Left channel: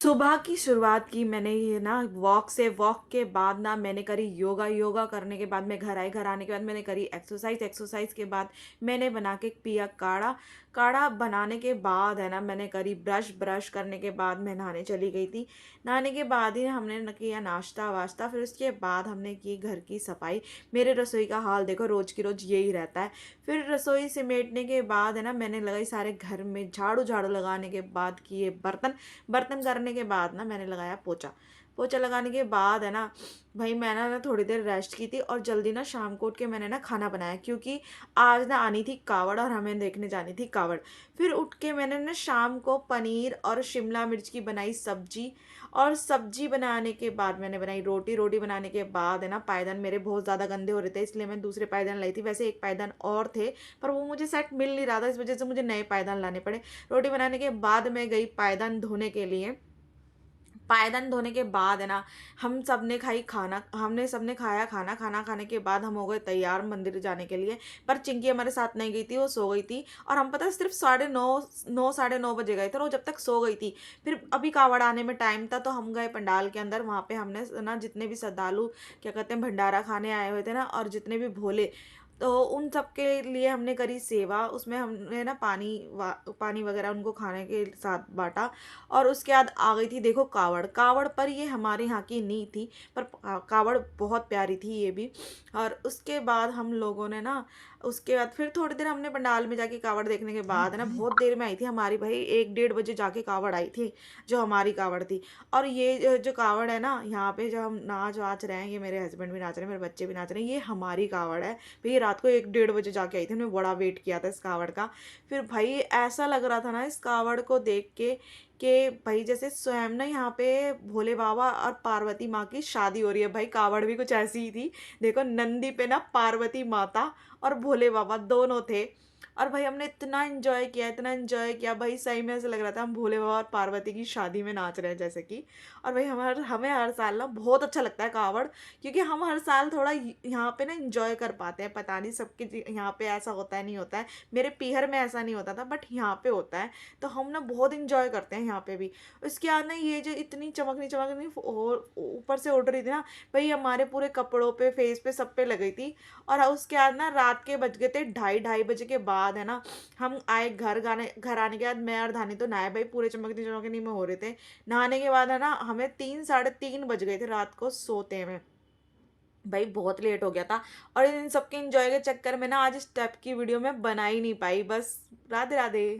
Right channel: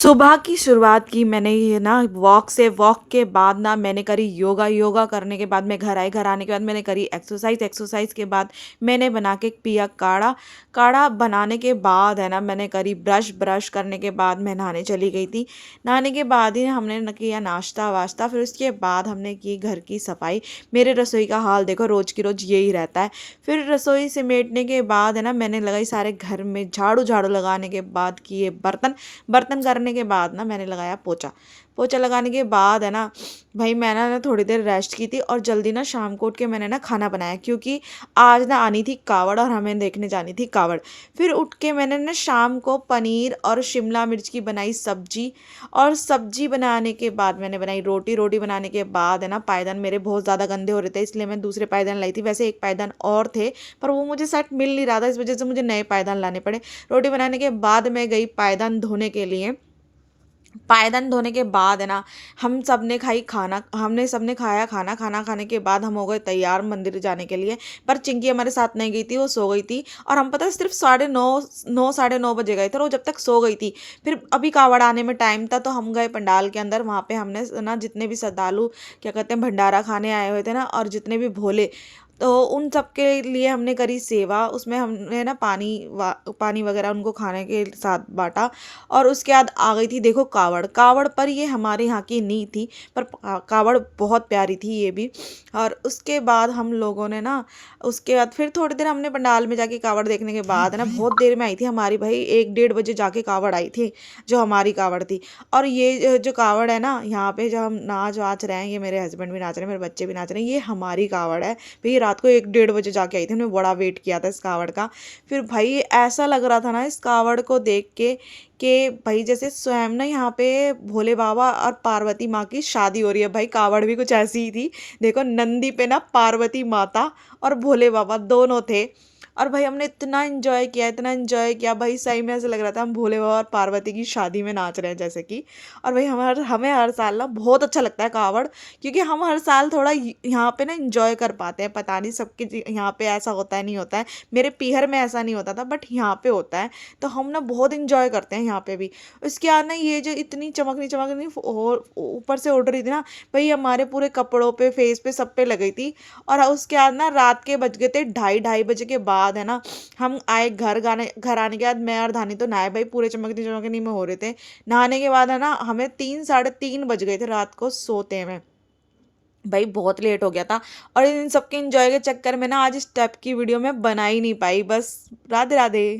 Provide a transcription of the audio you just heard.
सुबह की शुरुआत की मैंने ये ना वॉक के बाद ना मैंने करी योगा, योगा करने के बाद मैं घर आई, घर आने के बाद मैंने करी एक्सरसाइज़, एक्सरसाइज़ के बाद मैंने बना के पिया काढ़ा, काढ़ा बनाने के बाद है ना मैंने करी ब्रश, ब्रश करने के बाद मैं नहाने चली गई थी। नहाने के बाद ही हमने न किया नाश्ता-वाश्ता, फिर उसके बाद हमने की घर की सफाई। मेरे रसोई का हाल देखो रोज़ की रोज़ यही रहता है। फिर रसोई समेटने के बाद है ना मैंने लगाई सारे घर में झाड़ू, झाड़ू लगाने के बाद किए बर्तन, बर्तन करने के बाद ना मैंने लगाया पोछा। पोछा लगाने के बाद है ना, भई मैं ना थोड़ी देर रेस्ट की थी और जल्दी ना शाम को उठ के मैंने ना खाना बनाया क्योंकि आज ना आनी थी कावड़ और हमें देखने जानी थी कावड़। फिर उठ के मैंने ना शाम को पनीर और शिमला मिर्च की बनाई सब्ज़ी और सब्ज़ी बनाने के बाद मैंने बनाई रोटी, रोटी बनाने के बाद है ना पायदान मेरे बहुत ज़्यादा गंदे हो रहे थे इसलिए मैं दूसरे पायदान लाई थी। वैसे एक पायदान और थे, पर वो मुझे सेट मिल नहीं रहा था, इस वज़ह से मुझे नए पायदान लाने पड़े। रोटी बनाने के बाद मैं गई पायदान धोने के लिए। पायदान धोने के बाद है ना, हम सब ने खाई खाना, हमने सबने खाया खाना, खाना खाने के बाद हम हो गए तैयार मंदिर जाने के लिए। पर चिंकी हमारे साथ नहीं गई थी, वो सो गई थी और हम पता है सिर्फ़ साढ़े 9 साढ़े 9 बजे गए थे और वो जब तक सो गई थी। फिर अभी कावड़ आने में टाइम था तो हम गए पंडाल के अंदर, वहाँ पे हमने ना जितने भी श्रद्धालु क्या कहते हैं भंडारा खाने आए हुए थे ना और जितने भी भोले, तो उन सब के लिए हमने करी सेवा। उसमें हमने ना पानी वगैरह उनको खाने के साथ बाँटा और उसके बाद आ गई थी देखो कावड़। कावड़ पर ये हमारे यहाँ की नहीं थी, पर कावड़ बहुत प्यारी थी ये भी। और उसके बाद हम लोगों ने ना उसके बाद फिर थोड़ी देर हमने पंडाल में जाके कावड़ देखने के बाद है ना बहुत देर में आई थी हमारी भाई 1 डेढ़ बजे जाके कावड़ आई थी, जो हमारी कावड़ थी। और ये जो कावड़ है ना यहाँ पे जो हम नाच-वाच रहे हैं, ये मेरे हस्बैंड भी नाच रहे हैं, मेरे बच्चे भी नाच रहे हैं, ये हमारी कावड़ है। भई रात को 1 डेढ़ बजे जाके आई थी, हमने बड़ा वेट किया था इस कावड़ का। फिर भाई ऐसा लग रहा था ना इस कावड़ को देख के कि भाई जैसे स्वयं ना यहाँ पे भोले बाबा और पार्वती माँ की शादी हो रही है। भाई कावड़ भी कुछ ऐसी ही थी। देखो नंदी पे ना पार्वती माता और भोले बाबा दोनों थे। और भाई हमने इतना एन्जॉय किया भाई सही में ऐसा लग रहा था हम भोले बाबा और पार्वती की शादी में नाच रहे हैं जैसे कि। और भाई हमें हर साल ना बहुत अच्छा लगता है कावड़, क्योंकि हम हर साल थोड़ा यहाँ पे ना एन्जॉय कर पाते हैं। पता नहीं सबके यहाँ पे ऐसा होता है नहीं होता है। मेरे पीहर में ऐसा नहीं होता था बट यहाँ पे होता है, तो हम ना बहुत एन्जॉय करते हैं यहाँ पे भी। उसके बाद ना ये जो इतनी चमकनी चमकनी और ऊपर से उड़ रही थी ना, भाई हमारे पूरे कपड़ों पे फेस पे सब पे लग गई थी। और उसके बाद ना रात के बज गए थे ढाई ढाई बजे के बाद है ना, हम आए घर आने के बाद मैं और धानी तो नहाए भाई पूरे चमकनी चमकनी में हो रहे थे। नहाने के बाद है ना हमें 3 साढ़े 3 बज गए थे रात को सोते में। भाई बहुत लेट हो गया था और इन सबके एंजॉय के चक्कर में ना आज इस टाइप की वीडियो मैं बना ही नहीं पाई। बस राधे राधे।